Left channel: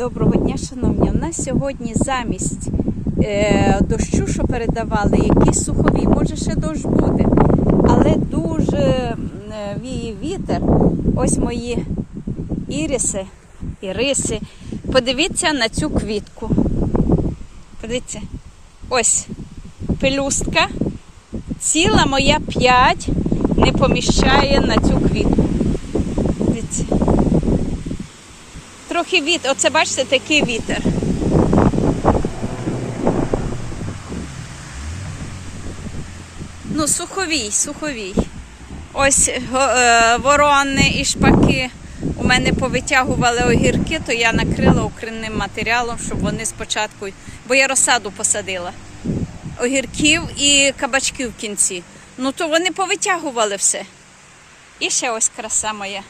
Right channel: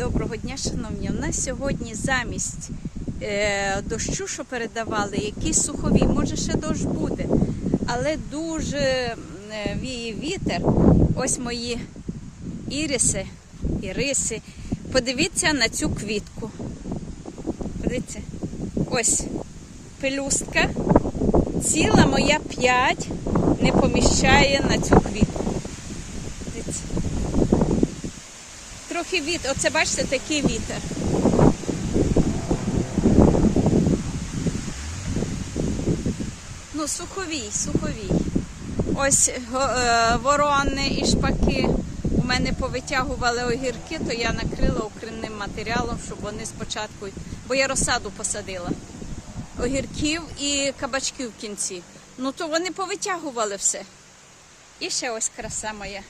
Доброго дня, шановні. У нас сьогодні замість е, дощу, що передавали, якісь сухові. Може, ще дощ буде, але дуже е, віє вітер. Ось мої іриси, іриси. Подивіться на цю квітку. Подивіться. Ось пелюстка. Ціла моя п'ять не поміщає на цю квітку. Дивіться. Трохи вітер. Оце бачите, такий вітер. Ну, суховій, суховій. Ось е, ворони і шпаки у мене повитягували огірки, то я накрила укринним матеріалом, щоб вони спочатку, бо я розсаду посадила. Огірків і кабачків в кінці. Ну то вони повитягували все. І ще ось краса моя.